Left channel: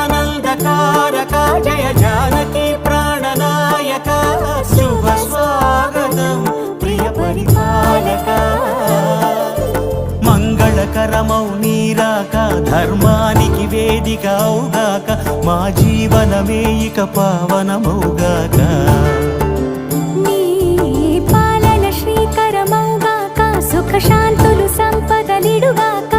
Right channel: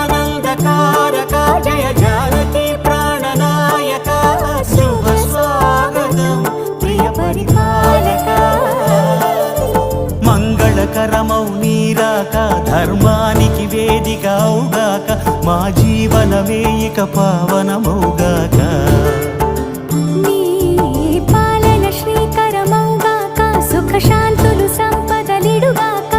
జగదానందకారక జయ జానకి ప్రాణనాయక శుభ స్వాగతం ప్రియ పరిపాలక మంగళకరమౌ నీరాక ధర్మానికి వేదిక అవుగాక మా జీవనమే ఇక పావనమౌగాక నీ పాలన శ్రీకరమౌగాక సుఖ శాంతులు సంపదలిడుగాక